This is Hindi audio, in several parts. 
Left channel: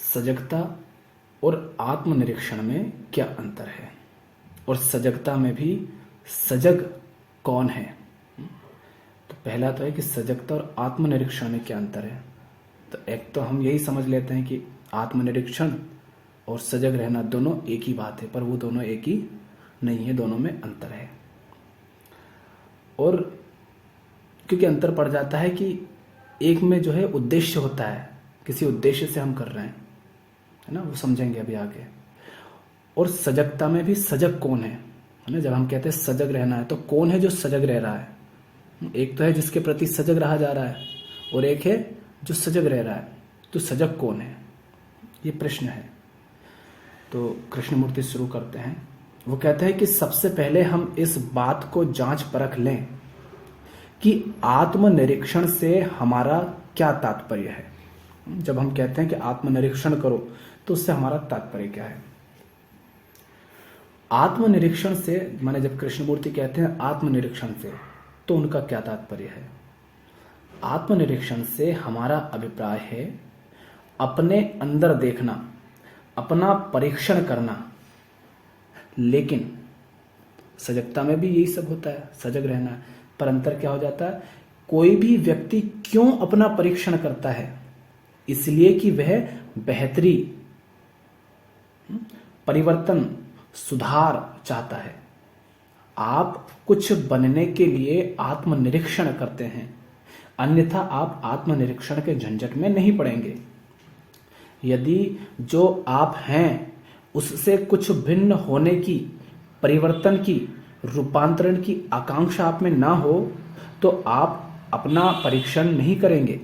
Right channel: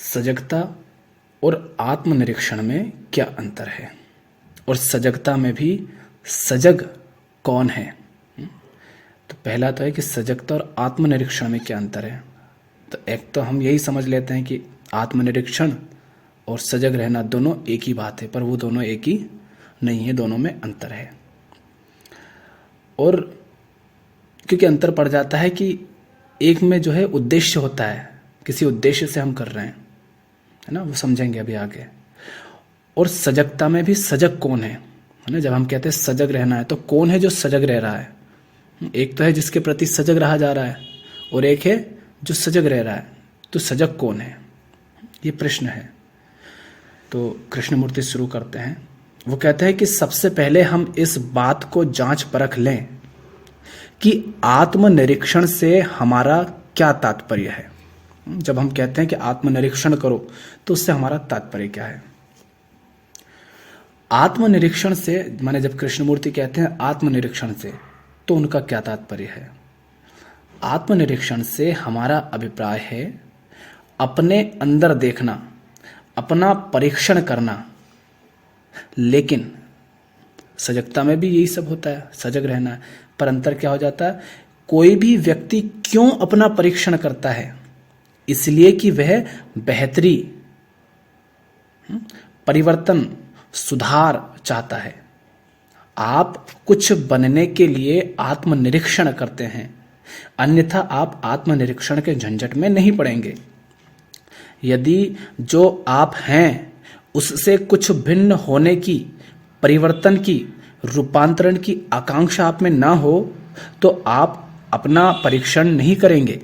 सजगता और आत्मनिरीक्षण में क्या अंतर है, और सजगता में भी सजग कौन है। तो पहला तो है कि सजगता और आत्मनिरीक्षण में क्या अंतर है। तो एक तो हम यही समझ लेते हैं कि आत्मनिरीक्षण और सजग रहना दोनों एक ही बात है, पर वो दोनों एक ही नहीं है, दोनों में अंतर है। और क्योंकि अंतर पड़ जाता है कि एक में जो है उद्देश्य होता है, किसी उद्देश्य से हम कर रहे हैं, है ना, वो समझेंगे अभी आगे। और सजगता में भी सजग कौन है ना, जब हम कहते हैं सजग रहना है तो कौन है जो सजग रह रहा है। एक तो है जिसके प्रति सजग रहा जा रहा है और एक है जो सजग रह रहा है। तो सजग कौन है, ये प्रश्न है। तो कृष्णमूर्ति शुरू करते हैं। वो कहते हैं कि सबसे पहले हम इस बात को जांच परख लें कि आत्मनिरीक्षण से हमारा क्या तात्पर्य है। जब हम कहते हैं कि आत्मनिरीक्षण करो तो उससे हमारा तात्पर्य क्या है। आत्मनिरीक्षण से माने जब कृष्णमूर्ति कहते हैं आत्मनिरीक्षण से, तो उनका क्या तात्पर्य है। आत्मनिरीक्षण से हमारा अभिप्राय है अपने अंदर देखना, अपना परीक्षण करना। लेकिन सजगता में भी यही सब होता है, सजग रहना है। पर अंतर क्या हो जाता है, कोई भी व्यक्ति क्यों अपना परीक्षण करता है, इसलिए कि वह बेहतरी, परिवर्तन, सुधार चाहता है। आप कुछ बनने के लिए आत्मनिरीक्षण करते हैं, अन्यथा आप आत्मनिरीक्षण के झंझट में नहीं पड़ेंगे। यदि जो आप हैं उससे कुछ भिन्न होने की, परिवर्तन की, रूपांतरण की आकांक्षा आप में ना हो, तो आप अपना परीक्षण नहीं करेंगे।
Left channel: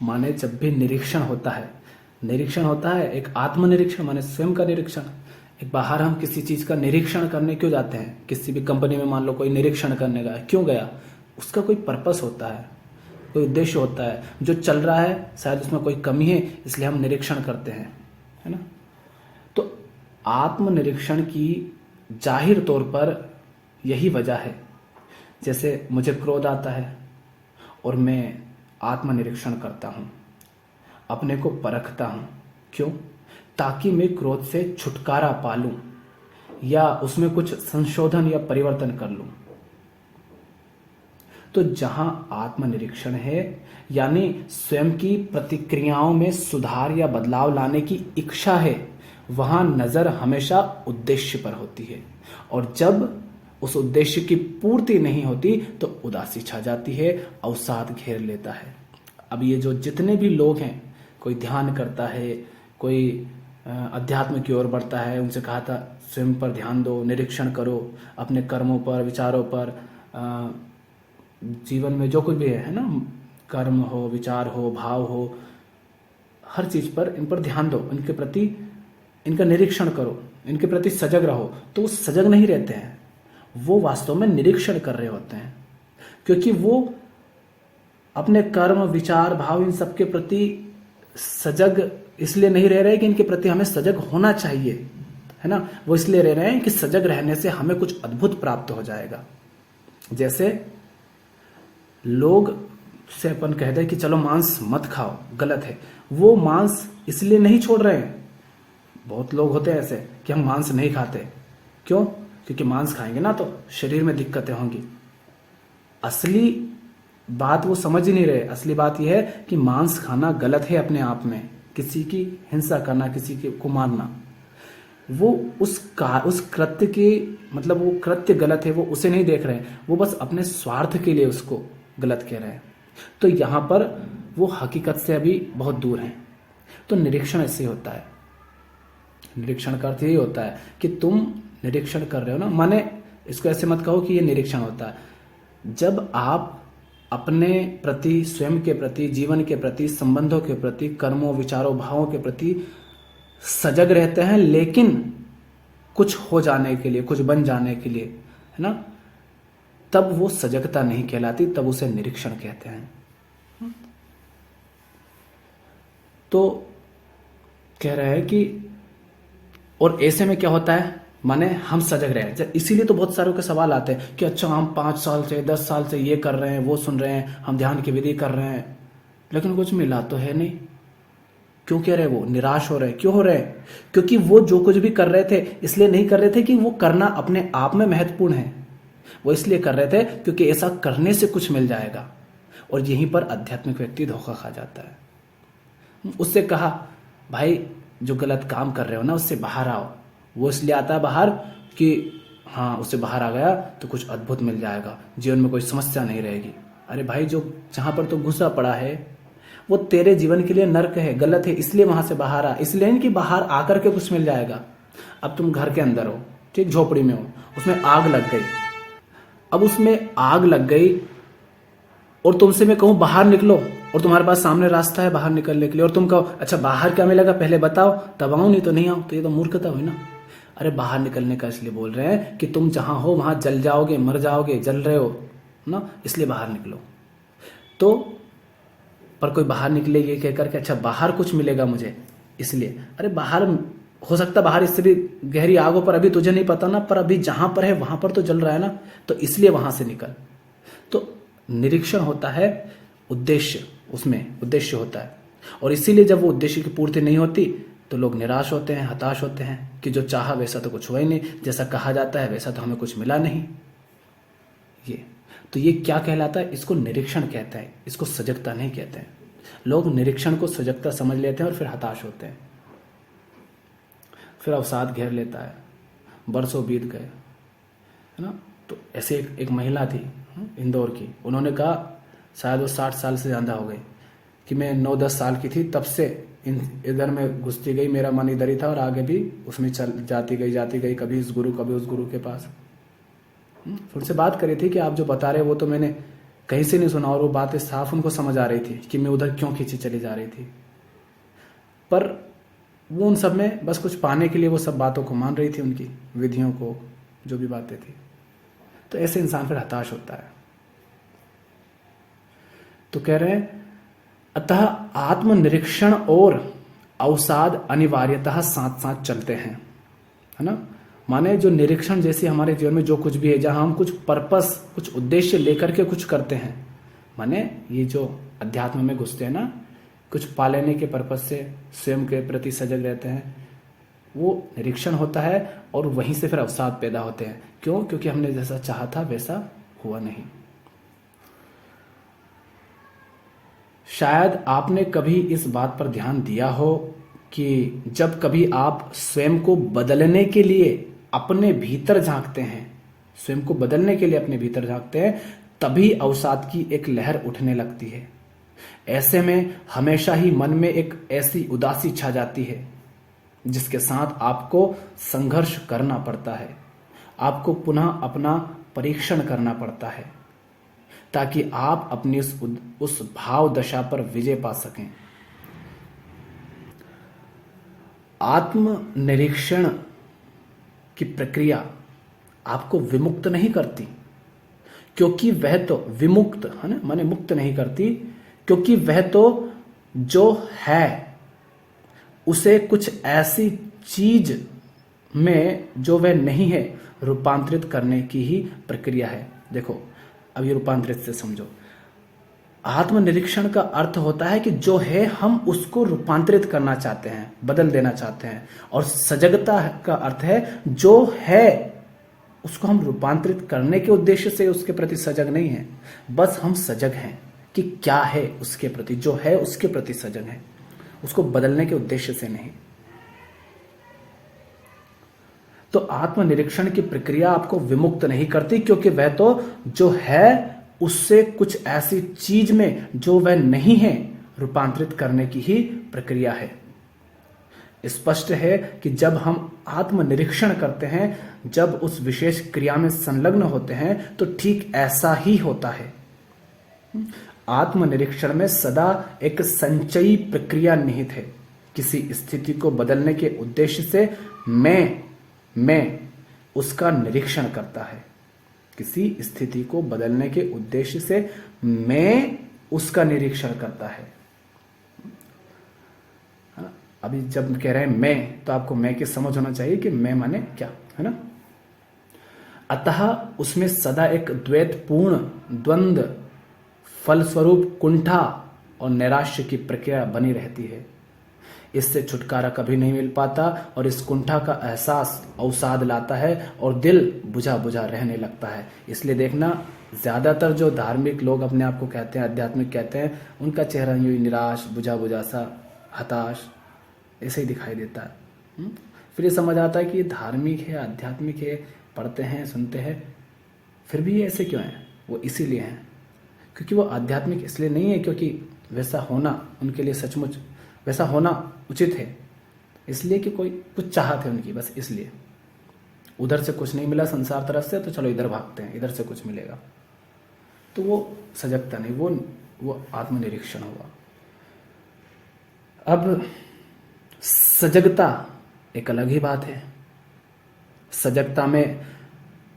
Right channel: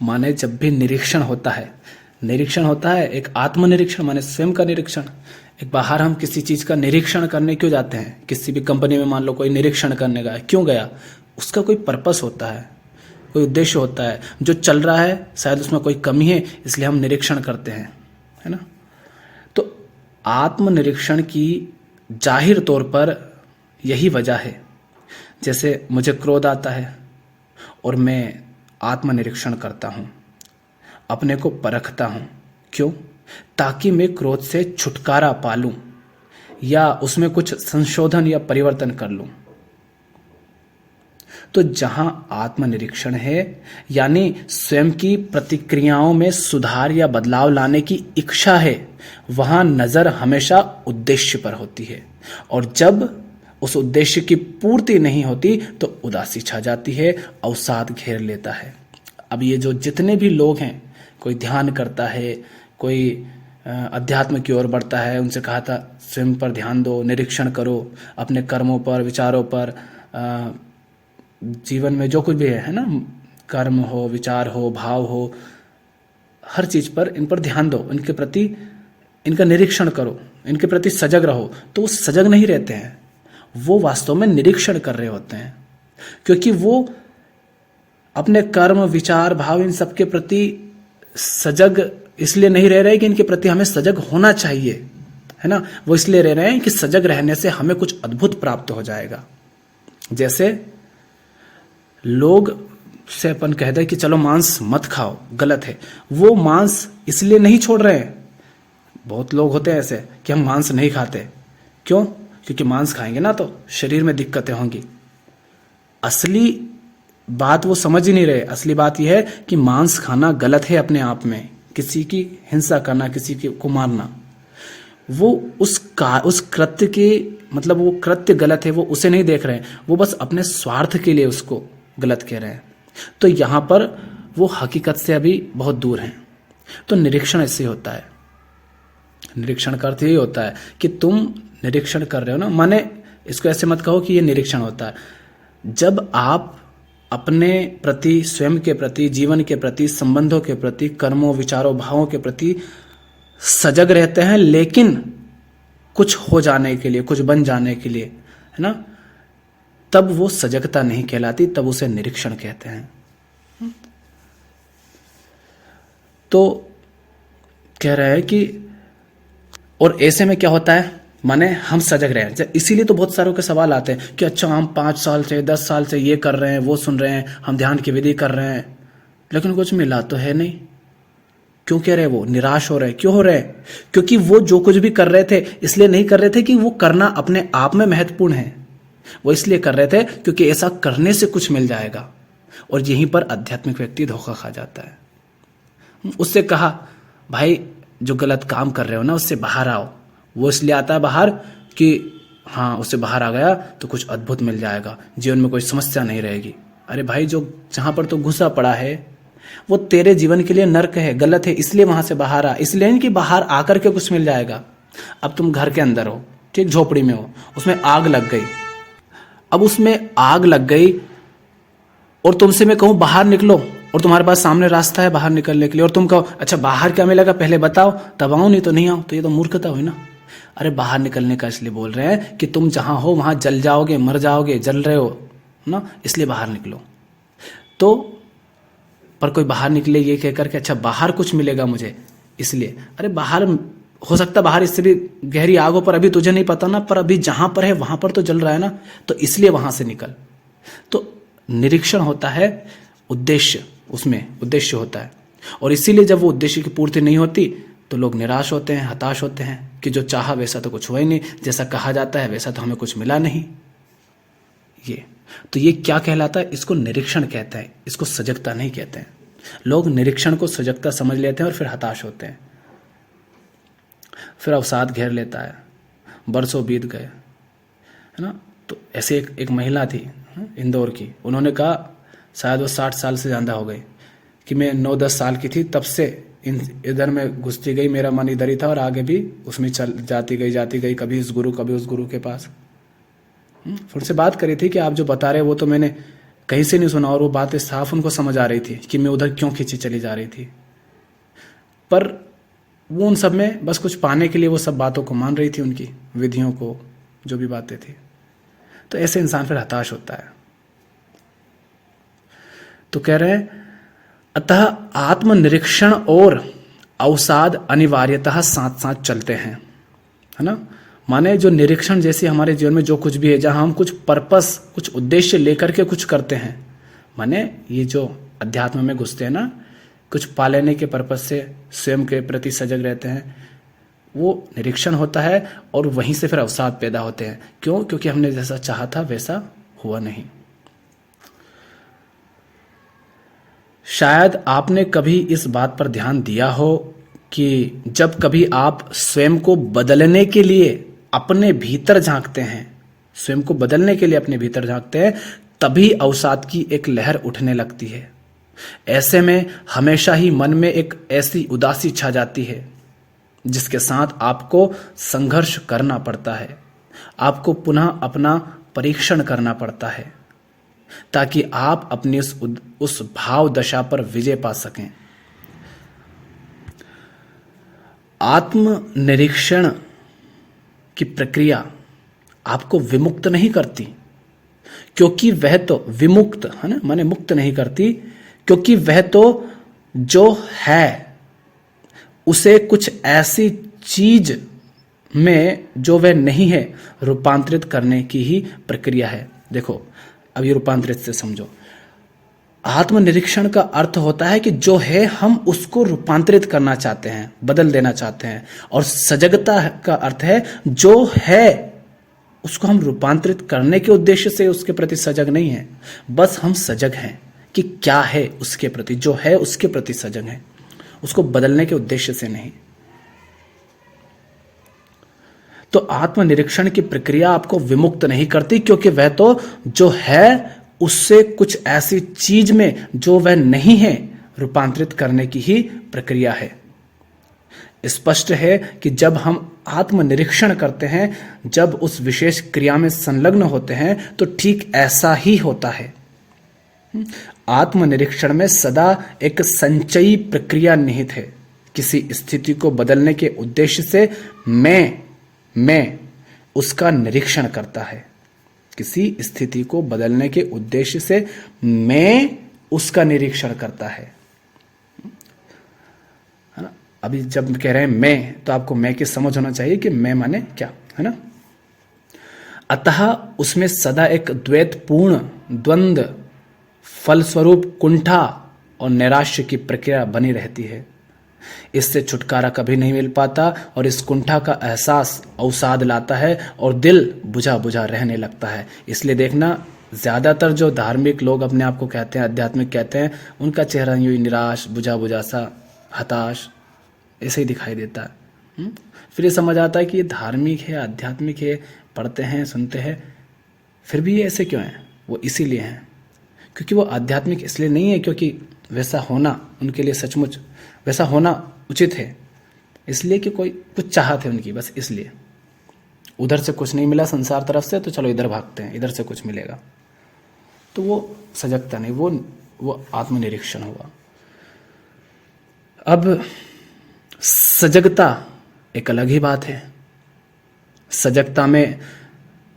माने जब भी निरीक्षण होता है एक आत्मनिरीक्षण माने स्वयं का निरीक्षण। एक बाहर हम किसी चीज का निरीक्षण करने क्यों जाते हैं, किसी भी कंपनी में मान लो कोई निरीक्षण करने गया, क्यों गया, उसका कोई पर्पस होता है, कोई उद्देश्य होता है। जो चल रहा है शायद उसमें कोई कमी है, इसलिए हम निरीक्षण करते हैं, है ना। तो आत्मनिरीक्षण की जाहिर तौर पर यही वजह है। जैसे मुझे क्रोध आता है और मैं आत्मनिरीक्षण करता हूँ, अपने को परखता हूँ। क्यों? ताकि मैं क्रोध से छुटकारा पा लूँ या उसमें कुछ संशोधन या परिवर्तन कर लूँ। तो जहां आत्मनिरीक्षण है यानी स्वयं की प्रतिक्रियाओं में सुधार या बदलाव लाने की इच्छा है, वहां नजर हमेशा उद्देश्य पर होती है। और जब उस उद्देश्य की पूर्ति नहीं होती तो उदासी छा जाती है, अवसाद घेर लेता है। अब ये जो जितने भी लोग हैं, कोई ध्यान करता है, कोई अध्यात्म की ओर बढ़ता है, उनसे कहा था स्वयं पर ध्यान दो, निरीक्षण करो, अपने कर्मों पर, विचारों पर, जीवन में जो कुछ भी है ना, कर्म हो, विचार हो, भाव हो, हर चीज पर, इन पर ध्यान दो, इनके प्रति इनका निरीक्षण करो, इनके प्रति सजग रहो। तो वो सजग नहीं रहते हैं, वो वास्तव में निरीक्षण कर रहे होते हैं, क्योंकि वो अपने कर्म, विचार, भाव इन सब के प्रति सजग इसलिए नहीं रह रहे कि इनके प्रति हमें सजग होना चाहिए, है ना। वो इसलिए रह रहे हैं कि सजग रहने से हमें कुछ अद्भुत प्राप्त हो जाएगा। जैसे लोग से अपन कहते हैं कि चलो मांस मत खाओ, गलत है। वो मांस इसलिए नहीं छोड़ रहे हैं। बहुत लोग होते हैं ऐसे कि हम मांस नहीं खाते, क्यों? क्योंकि मांस खाएंगे ना तो शरीर में दिक्कतें होंगी। असली बात वो समझ ही नहीं रहे। असली बात यह है कि मांस खाना गलत है अपने आप में, किसी की हिंसा करना, किसी को मारना, वो उस कृत्य के मतलब वो कृत्य गलत है, वो उसे नहीं देख रहे हैं, वो बस अपने स्वार्थ के लिए उसको गलत कह रहे हैं। तो यहां पर वो हकीकत से अभी बहुत दूर हैं। तो निरीक्षण ऐसे होता है। निरीक्षण का अर्थ यही होता है कि तुम निरीक्षण कर रहे हो ना, माने इसको ऐसे मत कहो कि ये निरीक्षण होता है। जब आप अपने प्रति, स्वयं के प्रति, जीवन के प्रति, संबंधों के प्रति, कर्मों, विचारों, भावों के प्रति सजग रहते हैं, लेकिन कुछ हो जाने के लिए, कुछ बन जाने के लिए, है ना, तब वो सजगता नहीं कहलाती, तब उसे निरीक्षण कहते हैं। तो कह रहा है कि और ऐसे में क्या होता है, माने हम सजग रहे हैं। इसीलिए तो बहुत सारों के सवाल आते हैं कि अच्छा हम 5 साल से 10 साल से ये कर रहे हैं, वो सुन रहे हैं, हम ध्यान की विधि कर रहे हैं, लेकिन कुछ मिला तो है नहीं। क्यों कह रहे? वो निराश हो रहे, क्यों हो रहे? क्योंकि वो जो कुछ भी कर रहे थे इसलिए नहीं कर रहे थे कि वो करना अपने आप में महत्वपूर्ण है, वो इसलिए कर रहे थे क्योंकि ऐसा करने से कुछ मिल जाएगा। और यहीं पर आध्यात्मिक व्यक्ति धोखा खा जाता है। उससे कहा, भाई जो गलत काम कर रहे हो ना उससे बाहर आओ। वो इसलिए आता है बाहर कि हाँ उससे बाहर आ गया तो कुछ अद्भुत मिल जाएगा, जीवन में कोई समस्या नहीं रहेगी। अरे भाई जो जहां पर तो घुसा पड़ा है वो तेरे जीवन के लिए नर्क है, गलत है, इसलिए वहां से बाहर आ। इसलिए नहीं कि बाहर आकर के कुछ मिल जाएगा। अब तुम घर के अंदर हो, ठीक, झोपड़ी में हो, उसमें आग लग गई। अब उसमें आग लग गई और तुमसे मैं कहूं बाहर निकलो और तुम्हारे पास सामने रास्ता है बाहर निकलने के लिए, और तुम कहो अच्छा बाहर क्या मिलेगा पहले बताओ तब आऊं, नहीं तो नहीं आऊं, तो ये तो मूर्खता हुई ना। अरे बाहर निकलने का इसलिए बोल रहे हैं कि तुम जहां हो वहां जल जाओगे, मर जाओगे, जल रहे हो ना, इसलिए बाहर निकलो। तो पर कोई बाहर निकले ये कहकर के अच्छा बाहर कुछ मिलेगा मुझे, इसलिए अरे बाहर हो सकता बाहर इससे भी गहरी आग हो, पर अभी तुझे नहीं पता ना, पर अभी जहां पर है वहां पर तो जल रहा है ना, तो इसलिए वहां से निकल। तो निरीक्षण होता है उद्देश्य, उसमें उद्देश्य होता है। और इसीलिए जब वो उद्देश्य की पूर्ति नहीं होती तो लोग निराश होते हैं, हताश होते हैं कि जो चाहा वैसा तो कुछ हुआ ही नहीं, जैसा कहा जाता है वैसा तो हमें कुछ मिला नहीं। ये क्या कहलाता है? इसको निरीक्षण कहते हैं, इसको सजगता नहीं कहते हैं। लोग निरीक्षण को सजगता समझ लेते हैं और फिर हताश होते हैं, फिर अवसाद घेर लेता है, बरसों बीत गए, है ना। तो ऐसे एक महिला थी इंदौर की, उन्होंने कहा शायद वो 60 साल से ज़्यादा हो गई कि मैं 9-10 साल की थी तब से इधर में घुसती गई, मेरा मन इधर ही था और आगे भी उसमें चल जाती गई, कभी इस गुरु कभी उस गुरु के पास। फिर उनसे बात करी थी कि आप जो बता रहे वो तो मैंने कहीं से नहीं सुना, और वो बातें साफ उनको समझ आ रही थी कि मैं उधर क्यों खींची चली जा रही थी। पर वो उन सब में बस कुछ पाने के लिए वो सब बातों को मान रही थी, उनकी विधियों को, जो भी बातें थी। तो ऐसे इंसान फिर हताश होता है। तो कह रहे हैं अतः आत्मनिरीक्षण और अवसाद अनिवार्यतः साथ साथ चलते हैं, है ना। माने जो निरीक्षण जैसे हमारे जीवन में जो कुछ भी है, जहां हम कुछ पर्पस, कुछ उद्देश्य लेकर के कुछ करते हैं, माने ये जो अध्यात्म में घुसते हैं ना, कुछ पा लेने के पर्पस से स्वयं के प्रति सजग रहते हैं, वो निरीक्षण होता है। और वहीं से फिर अवसाद पैदा होते हैं। क्यों? क्योंकि हमने जैसा चाहा था वैसा हुआ नहीं। शायद आपने कभी इस बात पर ध्यान दिया हो कि जब कभी आप स्वयं को बदलने के लिए अपने भीतर झांकते हैं, स्वयं को बदलने के लिए अपने भीतर झांकते हैं, तभी अवसाद की एक लहर उठने लगती है। ऐसे में हमेशा ही मन में एक ऐसी उदासी छा जाती है जिसके साथ आपको संघर्ष करना पड़ता है, आपको पुनः अपना परीक्षण करना पड़ता है, ताकि आप अपनी उस भाव दशा पर विजय पा सकें। आत्मनिरीक्षण की प्रक्रिया आपको विमुक्त नहीं करती, क्योंकि वह तो विमुक्त है ना, माने मुक्त नहीं करती, क्योंकि वह तो जो है उसे कुछ ऐसी चीज में जो वह नहीं है रूपांतरित करने की ही प्रक्रिया है। देखो अब ये रूपांतरित से समझो। आत्मनिरीक्षण का अर्थ होता है कि जो है हम उसको रूपांतरित करना चाहते हैं, बदल देना चाहते हैं। और सजगता का अर्थ है जो है उसको हम रूपांतरित करने के उद्देश्य से उसके प्रति सजग नहीं है, बस हम सजग हैं कि क्या है उसके प्रति, जो है उसके प्रति सजग हैं, उसको बदलने के उद्देश्य से नहीं। तो आत्मनिरीक्षण की प्रक्रिया आपको विमुक्त नहीं करती, क्योंकि वह तो जो है उससे कुछ ऐसी चीज में जो वह नहीं है रूपांतरित करने की ही प्रक्रिया है। स्पष्ट है कि जब हम आत्मनिरीक्षण करते हैं, जब उस विशेष क्रिया में संलग्न होते हैं, तो ठीक ऐसा ही होता है। आत्मनिरीक्षण में सदा एक संचयी प्रक्रिया निहित है। किसी स्थिति को बदलने के उद्देश्य से मैं उसका निरीक्षण करता है। किसी स्थिति को बदलने के उद्देश्य से मैं उसका निरीक्षण करता है ना। अभी जब कह रहे हैं मैं, तो आपको मैं की समझ होना चाहिए कि मैं माने क्या, है ना। अतः उसमें सदा एक द्वैतपूर्ण द्वंद्व, फलस्वरूप कुंठा और नैराश्य की प्रक्रिया बनी रहती है। इससे छुटकारा कभी नहीं मिल पाता और इस कुंठा का एहसास अवसाद लाता है और दिल बुझा बुझा रहने लगता है। इसलिए देखना, ज़्यादातर जो धार्मिक लोग अपने आप को कहते हैं, आध्यात्मिक कहते हैं, उनका चेहरा यूँ ही निराश, बुझा बुझा सा, हताश ऐसे ही दिखाई देता है। फिर ये समझ आता है कि ये धार्मिक है, आध्यात्मिक है, पढ़ते हैं, सुनते हैं, फिर भी ये ऐसे क्यों हैं? वो इसीलिए हैं क्योंकि वो आध्यात्मिक इसलिए नहीं है क्योंकि वैसा होना उनके लिए सचमुच वैसा होना उचित है, इसलिए कि कोई कुछ चाहत है उनकी, बस इसलिए। उधर से कुछ नहीं मिला संसार तरफ से, तो चलो इधर भागते हैं, इधर से कुछ मिलेगा। तो वो सजगता नहीं, वो आत्मनिरीक्षण हुआ। अब सजगता एक अलग ही बात है। सजगता में,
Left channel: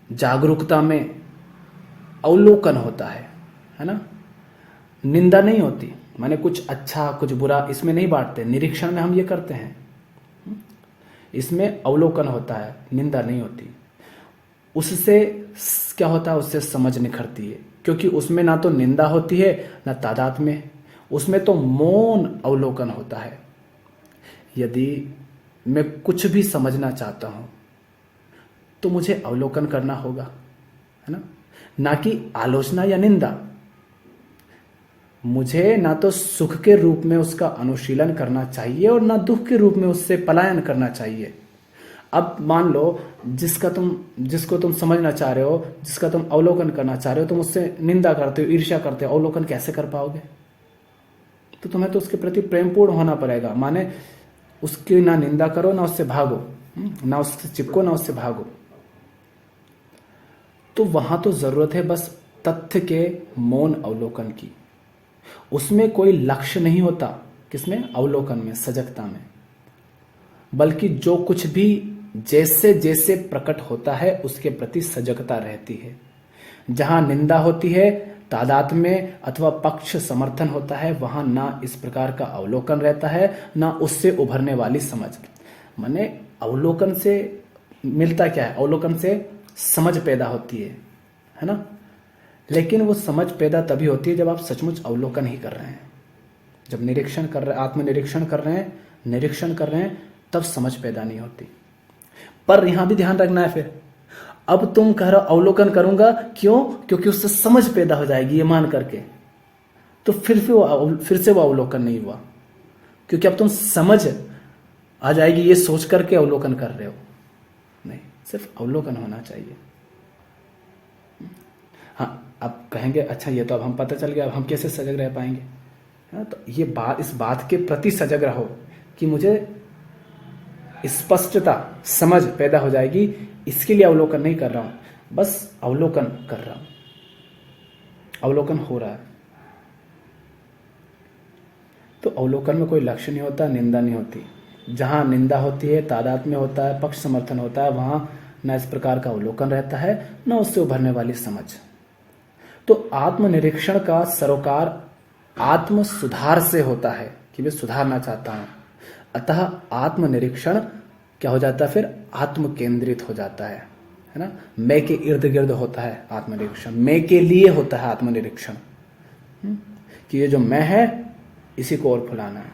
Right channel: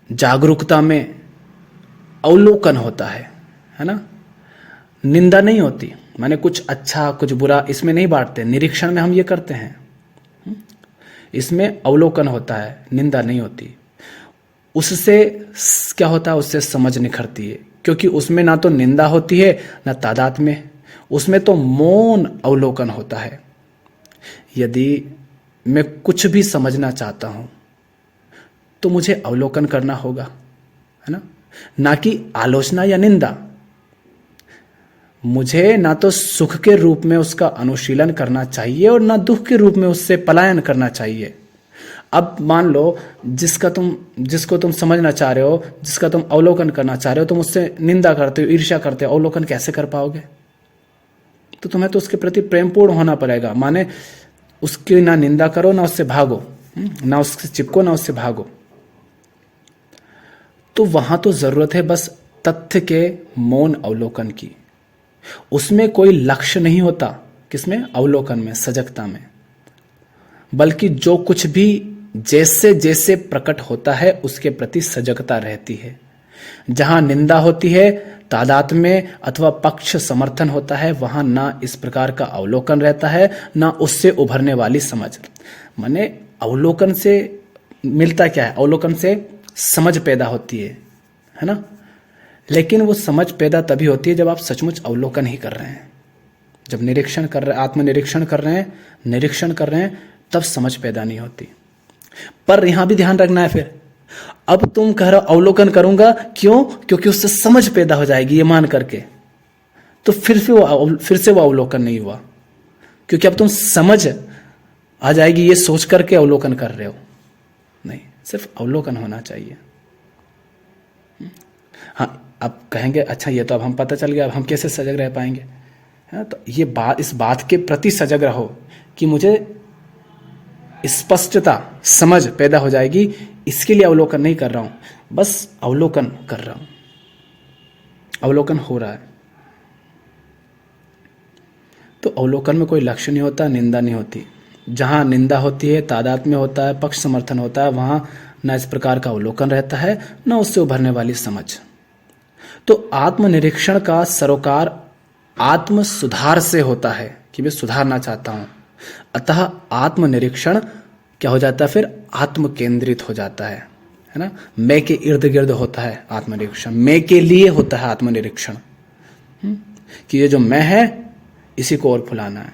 जागरूकता में अवलोकन होता है ना। निंदा नहीं होती, माने कुछ अच्छा कुछ बुरा इसमें नहीं बांटते। निरीक्षण में हम ये करते हैं, इसमें अवलोकन होता है, निंदा नहीं होती। उससे क्या होता है? उससे समझ निखरती है, क्योंकि उसमें ना तो निंदा होती है ना तादात्म्य, उसमें तो मौन अवलोकन होता है। यदि मैं कुछ भी समझना चाहता हूं तो मुझे अवलोकन करना होगा, है ना कि आलोचना या निंदा। मुझे ना तो सुख के रूप में उसका अनुशीलन करना चाहिए और ना दुख के रूप में उससे पलायन करना चाहिए। अब मान लो जिसको तुम समझना चाह रहे हो, जिसका तुम अवलोकन करना चाह रहे हो, तुम उससे निंदा करते हो, ईर्ष्या करते हो, अवलोकन कैसे कर पाओगे? तो तुम्हें तो उसके प्रति प्रेमपूर्ण होना पड़ेगा, माने उसकी ना निंदा करो ना उससे भागो, ना उससे चिपको ना उससे भागो। तो वहां तो जरूरत है बस तथ्य के मौन अवलोकन की। उसमें कोई लक्ष्य नहीं होता, किसमें? अवलोकन में, सजगता में। बल्कि जो कुछ भी जैसे जैसे प्रकट होता है उसके प्रति सजगता रहती है। जहां निंदा होती है, तादात्म्य अथवा पक्ष समर्थन होता है, वहां ना इस प्रकार का अवलोकन रहता है ना उससे उभरने वाली समझ। माने अवलोकन से मिलता क्या है? अवलोकन से समझ पैदा होती है ना। लेकिन वो समझ पैदा तभी होती है जब आप सचमुच अवलोकन ही कर रहे हैं, जब निरीक्षण कर रहे हैं, आत्मनिरीक्षण कर रहे हैं, निरीक्षण कर रहे हैं, तब समझ पैदा नहीं होती। पर यहां भी ध्यान रखना है, फिर अब तुम कह रहे हो अवलोकन करूंगा, क्यों? क्योंकि उससे समझ पैदा हो जाएगी ये मान करके, तो फिर से वो अवलोकन नहीं हुआ, क्योंकि अब तुम समझ आ जाएगी ये सोच करके अवलोकन कर रहे हो। नहीं, सिर्फ अवलोकन होना चाहिए। हाँ, अब कहेंगे अच्छा ये तो अब हम पता चल गया, अब हम कैसे सजग रह पाएंगे? है तो ये बात, इस बात के प्रति सजग रहो कि मुझे स्पष्टता, समझ पैदा हो जाएगी। इसके लिए अवलोकन नहीं कर रहा हूं, बस अवलोकन कर रहा हूं, अवलोकन हो रहा है। तो अवलोकन में कोई लक्ष्य नहीं होता, निंदा नहीं होती। जहां निंदा होती है, तादात्म्य होता है, पक्ष समर्थन होता है, वहां ना इस प्रकार का अवलोकन रहता है ना उससे उभरने वाली समझ। तो आत्मनिरीक्षण का सरोकार आत्म सुधार से होता है कि मैं सुधारना चाहता हूं। अतः आत्मनिरीक्षण क्या हो जाता है? फिर आत्म केंद्रित हो जाता है ना। मैं के इर्द गिर्द होता है आत्मनिरीक्षण, मैं के लिए होता है आत्मनिरीक्षण, कि ये जो मैं है इसी को और फुलाना है।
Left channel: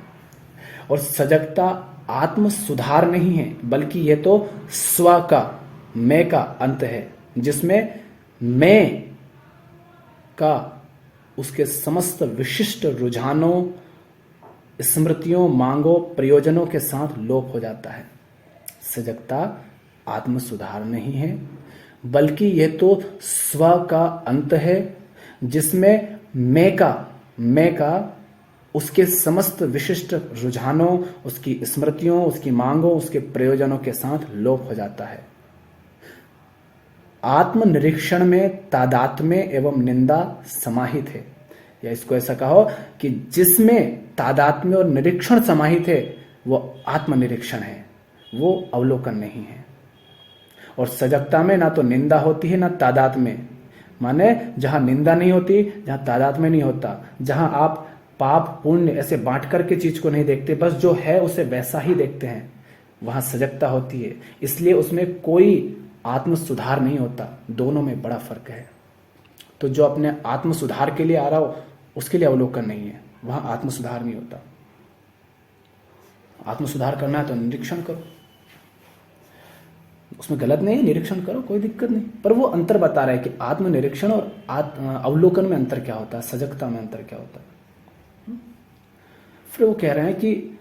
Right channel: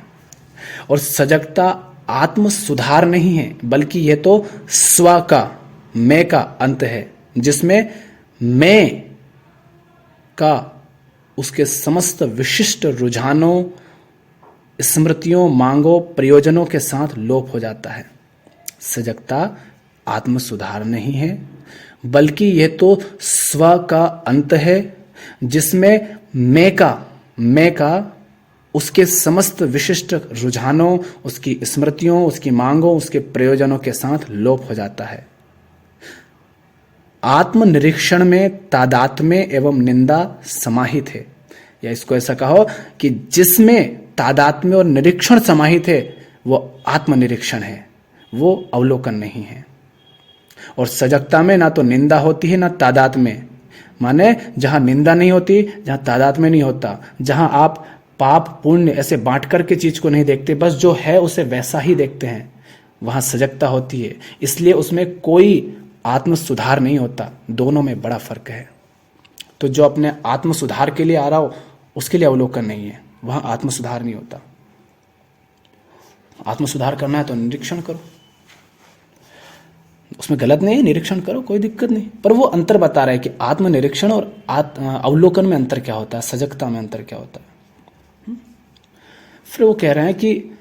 और सजगता आत्म सुधार नहीं है, बल्कि यह तो स्व का, मैं का अंत है, जिसमें मैं का उसके समस्त विशिष्ट रुझानों, स्मृतियों, मांगों, प्रयोजनों के साथ लोप हो जाता है। सजगता आत्म सुधार नहीं है, बल्कि यह तो स्व का अंत है, जिसमें मैं का उसके समस्त विशिष्ट रुझानों, उसकी स्मृतियों, उसकी मांगों, उसके प्रयोजनों के साथ लोप हो जाता है। आत्मनिरीक्षण में तादात्म्य एवं निंदा समाहित है, या इसको ऐसा कहो कि जिसमें तादात्म्य और निरीक्षण समाहित है वो आत्मनिरीक्षण है, वो अवलोकन नहीं है। और सजगता में ना तो निंदा होती है ना तादात्म्य, माने जहां निंदा नहीं होती, जहां तादात्म्य नहीं होता, जहां आप पाप पुण्य ऐसे बांट करके चीज को नहीं देखते, बस जो है उसे वैसा ही देखते हैं, वहां सजगता होती है। इसलिए उसमें कोई आत्म सुधार नहीं होता। दोनों में बड़ा फर्क है। तो जो अपने आत्म सुधार के लिए आ रहा हो उसके लिए अवलोकन नहीं है, वहां आत्म सुधार नहीं होता। आत्म सुधार करना है तो निरीक्षण करो, उसमें गलत नहीं है, निरीक्षण करो, कोई दिक्कत नहीं। पर वो अंतर बता रहा है कि आत्म निरीक्षण और अवलोकन में अंतर क्या होता है, सजगता में अंतर क्या होता है। फिर वो कह रहे हैं कि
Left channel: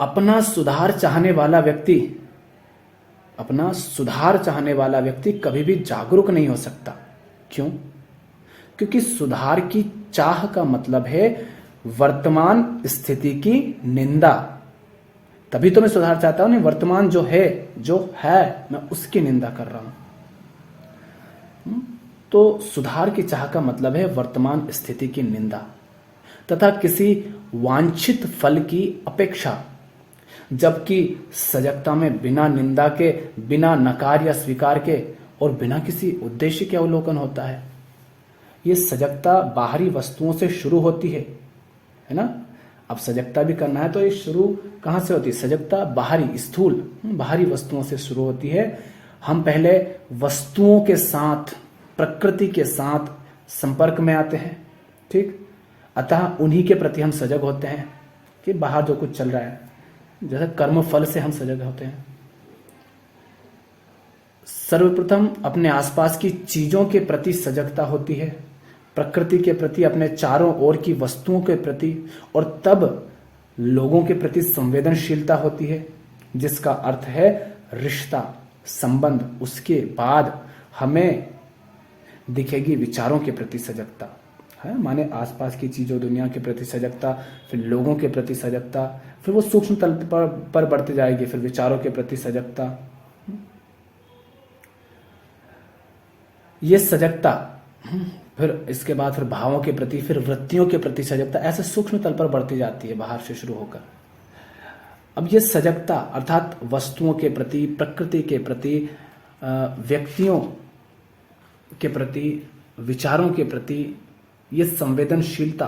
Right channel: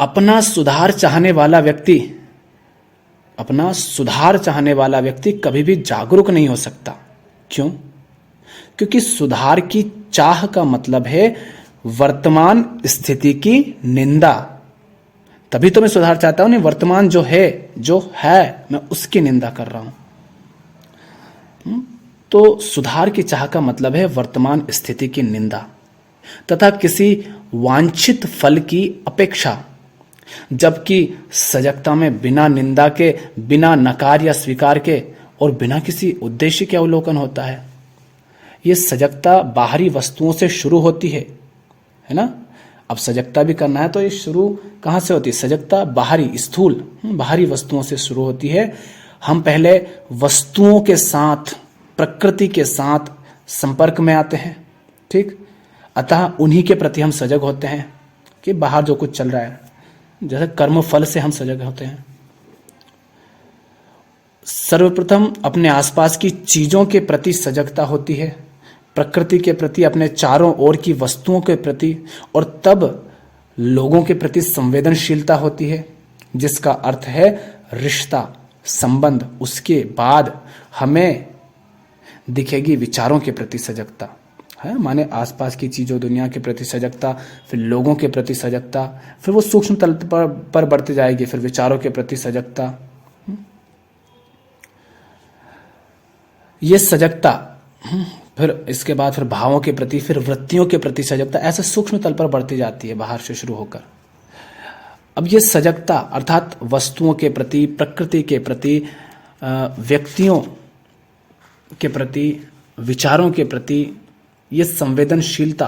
अपना सुधार चाहने वाला व्यक्ति कभी भी जागरूक नहीं हो सकता। क्यों? क्योंकि सुधार की चाह का मतलब है वर्तमान स्थिति की निंदा। तभी तो मैं सुधार चाहता हूं, नहीं वर्तमान जो है मैं उसकी निंदा कर रहा हूं। तो सुधार की चाह का मतलब है वर्तमान स्थिति की निंदा तथा किसी वांछित फल की अपेक्षा। जबकि सजगता में बिना निंदा के, बिना नकार या स्वीकार के और बिना किसी उद्देश्य के अवलोकन होता है। ये सजगता बाहरी वस्तुओं से शुरू होती है ना। अब सजगता भी करना है तो ये शुरू कहाँ से होती है? सजगता बाहरी, स्थूल बाहरी वस्तुओं से शुरू होती है। हम पहले वस्तुओं के साथ, प्रकृति के साथ संपर्क में आते हैं, ठीक। अतः उन्हीं के प्रति हम सजग होते हैं कि बाहर जो कुछ चल रहा है, जैसे कर्म फल से हम सजग होते हैं। सर्वप्रथम अपने आसपास की चीजों के प्रति सजगता होती है, प्रकृति के प्रति, अपने चारों ओर की वस्तुओं के प्रति, और तब लोगों के प्रति संवेदनशीलता होती है, जिसका अर्थ है रिश्ता, संबंध। उसके बाद हमें दिखेगी विचारों के प्रति सजगता है, माने आसपास की चीजों, दुनिया के प्रति सजगता, फिर लोगों के प्रति सजगता, फिर वो सूक्ष्म तल पर बढ़ती जाएगी, फिर विचारों के प्रति सजगता। ये सजगता, फिर इसके बाद फिर भावों के प्रति, फिर वृत्तियों के प्रति सजगता, ऐसे सूक्ष्म तल पर बढ़ती जाती है बाहर से शुरू होकर। अब ये सजगता अर्थात वस्तुओं के प्रति, प्रकृति के प्रति, व्यक्तियों के प्रति, विचारों के प्रति, ये संवेदनशीलता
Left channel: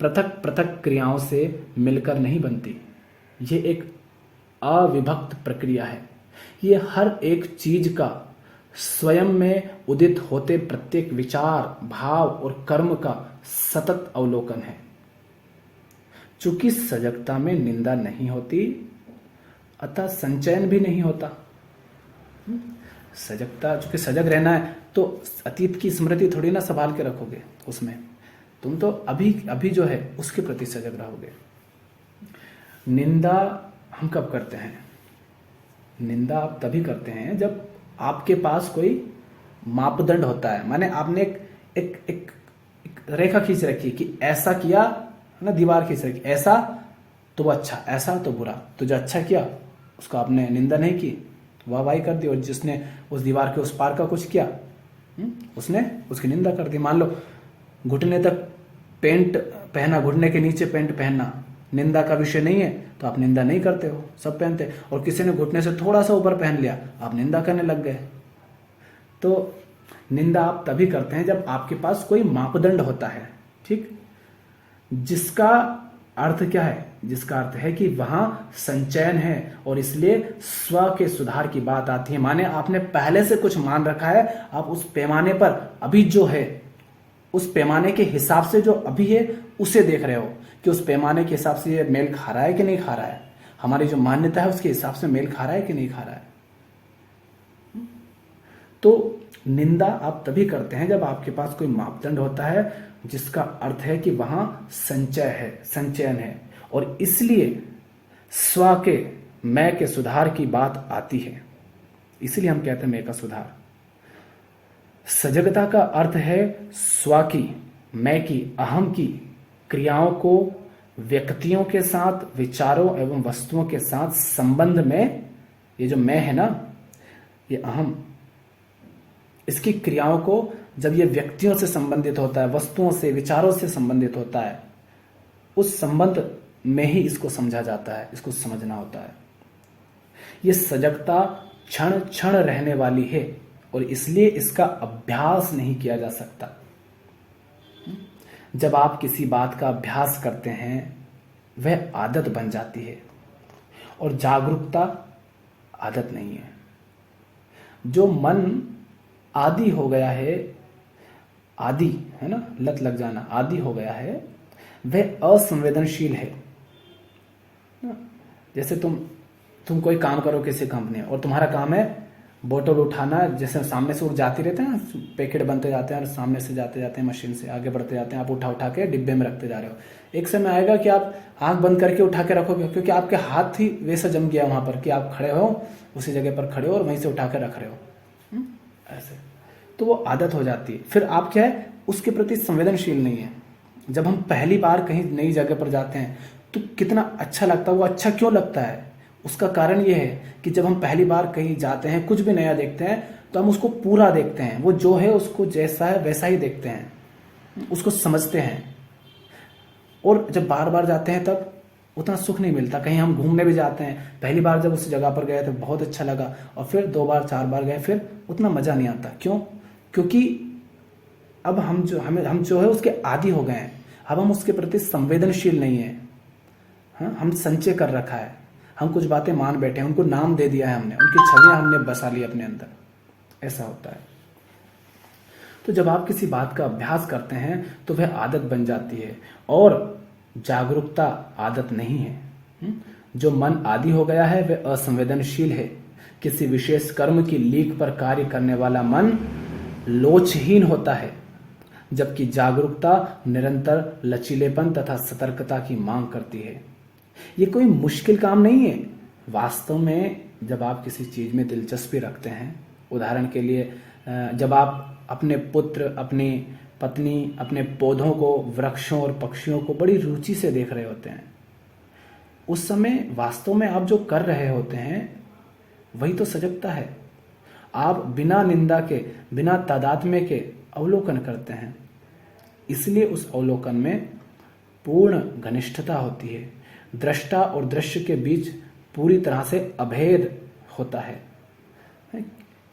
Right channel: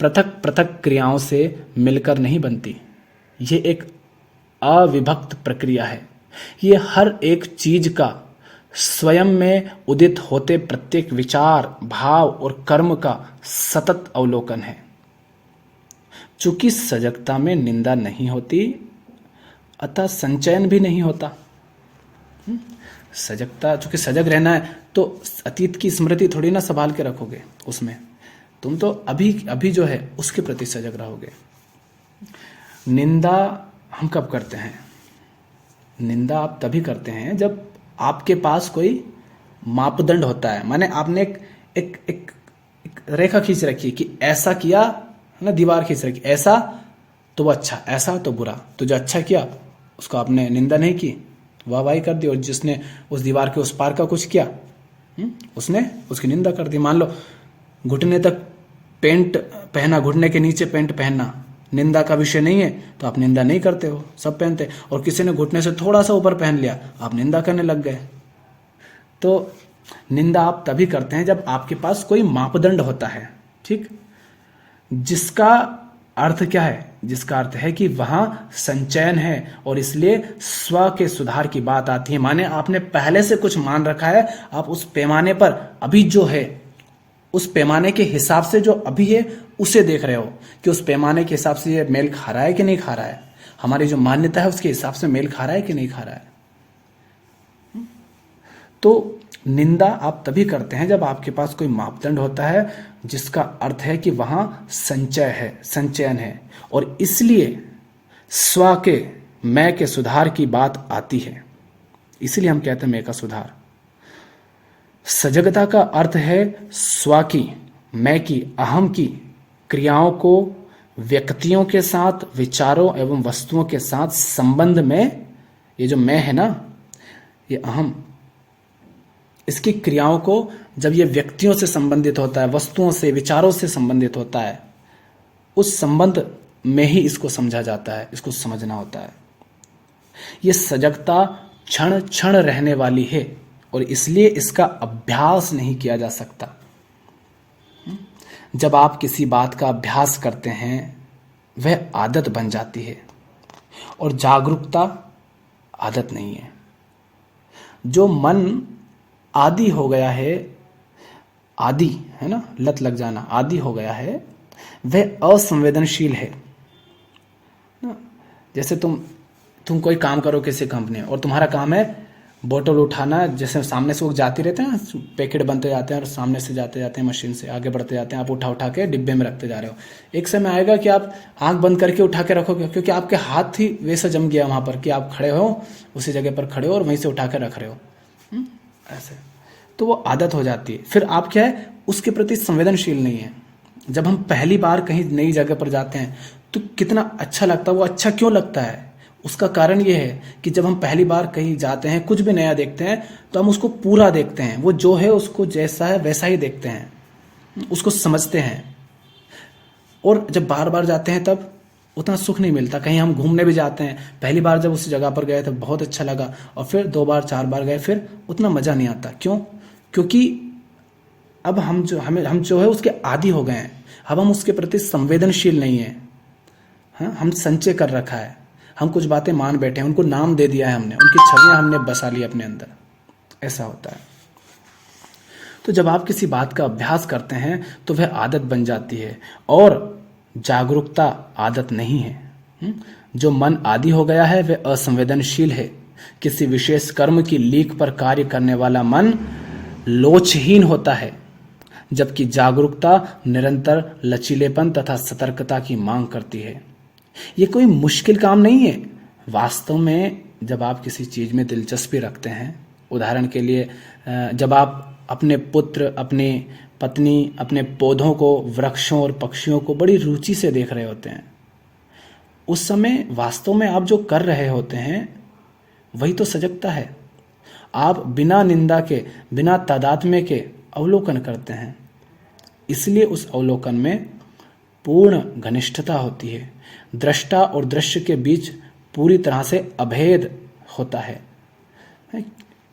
पृथक पृथक क्रियाओं से मिलकर नहीं बनती। ये एक अविभक्त प्रक्रिया है। ये हर एक चीज का स्वयं में उदित होते प्रत्येक विचार, भाव और कर्म का सतत अवलोकन है। चूंकि सजगता में निंदा नहीं होती, अतः संचयन भी नहीं होता। सजगता, चूंकि सजग रहना है तो अतीत की स्मृति थोड़ी ना संभाल के रखोगे उसमें, तुम तो अभी अभी जो है उसके प्रति सजग रहोगे। निंदा हम कब करते हैं? निंदा आप तभी करते हैं जब आपके पास कोई मापदंड होता है, माने आपने एक रेखा खींच रखी कि ऐसा किया ना, दीवार खींच रखी, ऐसा तो वो अच्छा, ऐसा तो बुरा। तो जो अच्छा किया उसको आपने निंदा नहीं की, वाहवाही कर दी, और जिसने उस दीवार के उस पार का कुछ किया उसने उसकी निंदा कर दी। मान लो घुटने तक पेंट पहना, घुटने के नीचे पेंट पहनना निंदा का विषय नहीं है तो आप निंदा नहीं करते हो, सब पहनते हैं। और किसी ने घुटने से थोड़ा सा ऊपर पहन लिया, आप निंदा करने लग गए। तो निंदा आप तभी करते हैं जब आपके पास कोई मापदंड होता है, ठीक, जिसका अर्थ क्या है? जिसका अर्थ है कि वहां संचयन है और इसलिए स्व के सुधार की बात आती है। माने आपने पहले से कुछ मान रखा है, आप उस पैमाने पर अभी जो है, उस पैमाने के हिसाब से जो अभी है उसे देख रहे हो कि उस पैमाने के हिसाब से ये मेल खा रहा है कि नहीं खा रहा है, हमारी जो मान्यता है उसके हिसाब से मेल खा रहा है कि नहीं खा रहा है। तो निंदा आप तभी करते हैं जब आपके पास कोई मापदंड होता है, जिसका अर्थ है कि वहां संचय है, संचयन है, और इसलिए स्व के, मैं के सुधार की बात आती है। इसलिए हम कहते हैं मैं का सुधार। सजगता का अर्थ है स्व की, मैं की, अहम की क्रियाओं को व्यक्तियों के साथ, विचारों एवं वस्तुओं के साथ संबंध में, ये जो मैं है ना, ये अहम, इसकी क्रियाओं को जब ये व्यक्तियों से संबंधित होता है, वस्तुओं से, विचारों से संबंधित होता है, उस संबंध में ही इसको समझा जाता है, इसको समझना होता है। ये सजगता क्षण क्षण रहने वाली है और इसलिए इसका अभ्यास नहीं किया जा सकता। जब आप किसी बात का अभ्यास करते हैं वह आदत बन जाती है, और जागरूकता आदत नहीं है। जो मन आदी हो गया है, आदि है ना, लत लग जाना, आदि हो गया है, वह असंवेदनशील है। जैसे तुम कोई काम करो किसी कंपनी और तुम्हारा काम है बोतल उठाना, जैसे सामने से वो जाती रहते हैं, पैकेट बनते जाते हैं और सामने से जाते जाते हैं मशीन से आगे बढ़ते जाते हैं, आप उठा उठा के डिब्बे में रखते जा रहे हो। एक समय आएगा कि आप आंख बंद करके उठा के रखोगे, क्योंकि आपके हाथ ही वैसा जम गया वहां पर कि आप खड़े हो, उसी जगह पर खड़े हो और वहीं से उठा के रख रहे हो। ऐसे तो वो आदत हो जाती है। फिर आप क्या है, उसके प्रति संवेदनशील नहीं है। जब हम पहली बार कहीं नई जगह पर जाते हैं तो कितना अच्छा लगता है। वो अच्छा क्यों लगता है, उसका कारण ये है कि जब हम पहली बार कहीं जाते हैं, कुछ भी नया देखते हैं, तो हम उसको पूरा देखते हैं, वो जो है उसको जैसा है वैसा ही देखते हैं, उसको समझते हैं। और जब बार बार जाते हैं तब उतना सुख नहीं मिलता। कहीं हम घूमने भी जाते हैं, पहली बार जब उस जगह पर गए तो बहुत अच्छा लगा, और फिर 2 बार 4 बार गए, फिर उतना मजा नहीं आता। क्यों? क्योंकि अब हम जो है उसके आदी हो गए हैं। अब हम उसके प्रति संवेदनशील नहीं है। हाँ, हम संचय कर रखा है, हम कुछ बातें मान बैठे हैं, उनको नाम दे दिया है हमने, उनकी छवियां हमने बसा ली अपने अंदर। ऐसा होता है। तो जब आप किसी बात का अभ्यास करते हैं तो वह आदत बन जाती है, और जागरूकता आदत नहीं है। जो मन आदी हो गया है वह असंवेदनशील है। किसी विशेष कर्म की लीक पर कार्य करने वाला मन लोचहीन होता है, जबकि जागरूकता निरंतर लचीलेपन तथा सतर्कता की मांग करती है। ये कोई मुश्किल काम नहीं है। वास्तव में जब आप किसी चीज में दिलचस्पी रखते हैं, उदाहरण के लिए जब आप अपने पुत्र, अपनी पत्नी, अपने पौधों को, वृक्षों और पक्षियों को बड़ी रुचि से देख रहे होते हैं, उस समय वास्तव में आप जो कर रहे होते हैं वही तो सजगता है। आप बिना निंदा के, बिना तादात्म्य के अवलोकन करते हैं, इसलिए उस अवलोकन में पूर्ण घनिष्ठता होती है। दृष्टा और दृश्य के बीच पूरी तरह से अभेद होता है।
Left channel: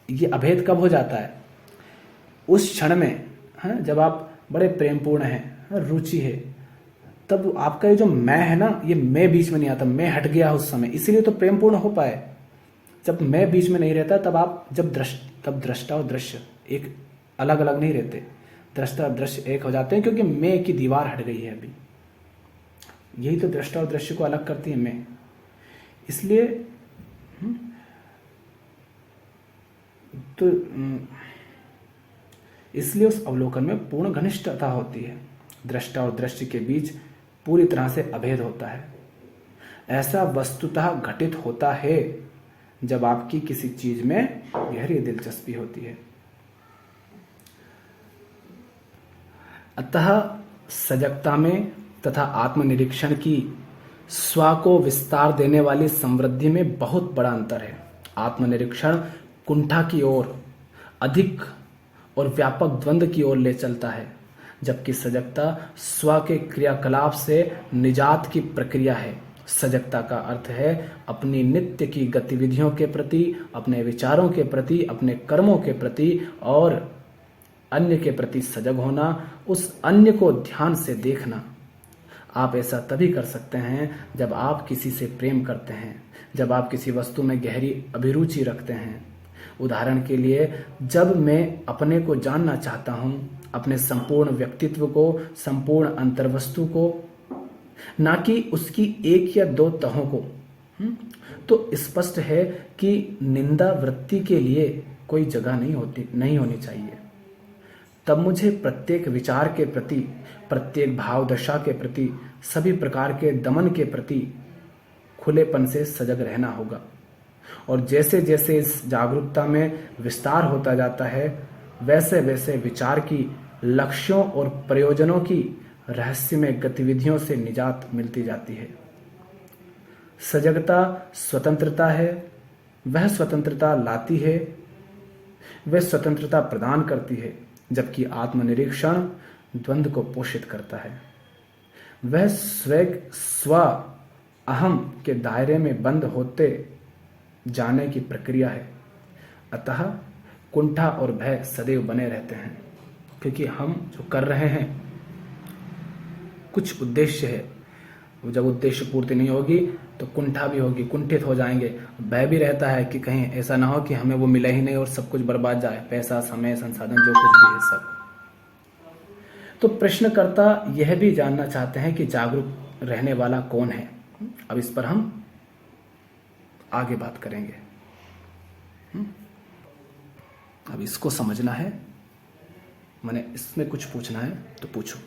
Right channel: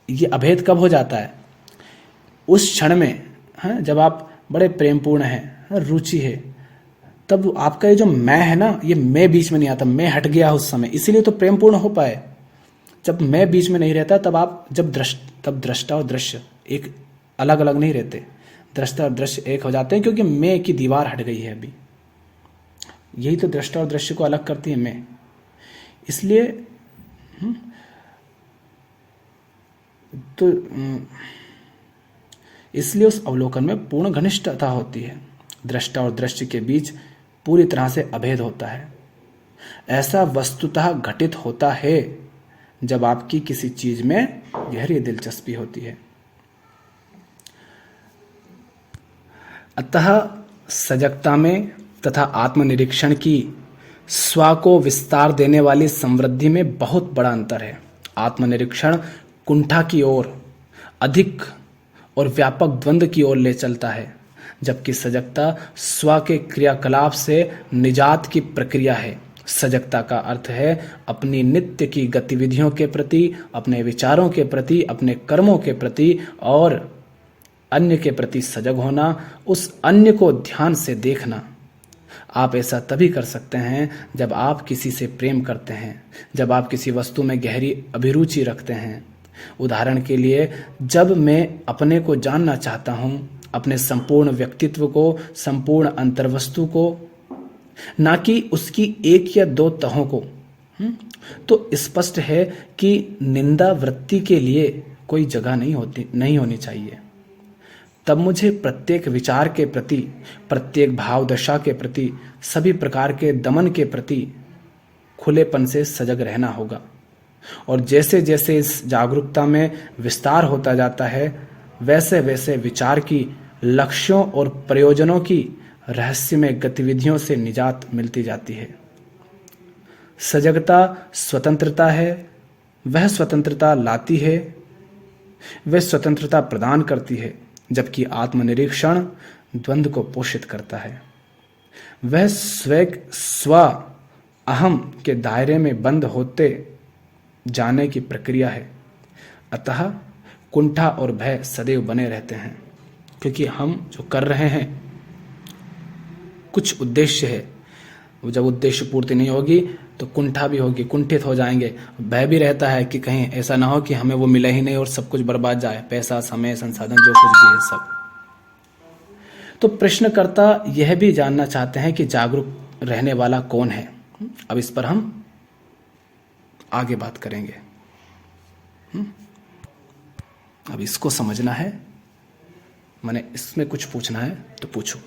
ये अभेद कब हो जाता है? उस क्षण में, जब आप बड़े प्रेमपूर्ण हैं, रुचि है, तब आपका ये जो मैं है ना, ये मैं बीच में नहीं आता, मैं हट गया उस समय, इसीलिए तो प्रेमपूर्ण हो पाए। जब मैं बीच में नहीं रहता तब आप तब दृष्टा और दृश्य एक अलग अलग नहीं रहते, दृष्टा और दृश्य एक हो जाते हैं, क्योंकि मैं की दीवार हट गई है अभी। यही तो दृष्टा और दृश्य को अलग करती है मैं। इसलिए उस अवलोकन में पूर्ण घनिष्ठता होती है। दृष्टा और दृश्य के बीच पूरी तरह से अभेद होता है। ऐसा वस्तुतः घटित होता है जब आपकी किसी चीज में गहरी दिलचस्पी होती है। अतः सजगता में तथा आत्मनिरीक्षण की स्व को विस्तार देने वाली समृद्धि में बहुत बड़ा अंतर है। आत्मनिरीक्षण कुंठा की ओर, अधिक और व्यापक द्वंद्व की ओर ले चलता है, जबकि सजगता स्व के क्रियाकलाप से निजात की प्रक्रिया है। सजगता का अर्थ है अपनी नित्य की गतिविधियों के प्रति, अपने विचारों के प्रति, अपने कर्मों के प्रति और अन्य के प्रति सजग होना, उस अन्य को ध्यान से देखना। आप ऐसा तभी कर सकते हैं जब आप किसी से प्रेम करते हैं, जब आप किसी वस्तु में गहरी अभिरुचि रखते हैं। उदाहरण के लिए, जब मैं अपने को जानना चाहता हूँ, अपने संपूर्ण व्यक्तित्व को, संपूर्ण अंतर्वस्तु को, ना कि उसकी एक या दो तहों को, तो स्पष्ट है कि निंदा वृत्ति के लिए कोई जगह नहीं होनी चाहिए। तब मुझे प्रत्येक विचार के प्रति, प्रत्येक भाव दशा के प्रति, सभी प्रकार के दमन के प्रति खुलेपन से सजग रहना होगा। और जैसे जैसे इस जागरूकता में विस्तार होता जाता है, वैसे वैसे विचार की, लक्ष्यों और प्रयोजनों की रहस्यमय गतिविधियों से निजात मिलती जाती है। सजगता स्वतंत्रता है, वह स्वतंत्रता लाती है, वह स्वतंत्रता प्रदान करती है, जबकि आत्मनिरीक्षण द्वंद्व को पोषित करता है। वह स्व अहम के दायरे में बंद होते जाने की प्रक्रिया है। अतः कुंठा और भय सदैव बने रहते हैं, क्योंकि हम जो कर रहे हैं कुछ उद्देश्य है। जब उद्देश्य पूर्ति नहीं होगी तो कुंठा भी होगी, कुंठित हो जाएंगे। भय भी रहता है कि कहीं ऐसा ना हो कि हमें वो मिले ही नहीं और सब कुछ बर्बाद जाए, पैसा, समय, संसाधन, जो कुछ भी है सब। तो प्रश्नकर्ता यह भी जानना चाहते हैं कि जागरूक रहने वाला कौन है। अब इस पर हम आगे बात करेंगे। अब इसको समझना है, मैंने इसमें कुछ पूछना है तो पूछो।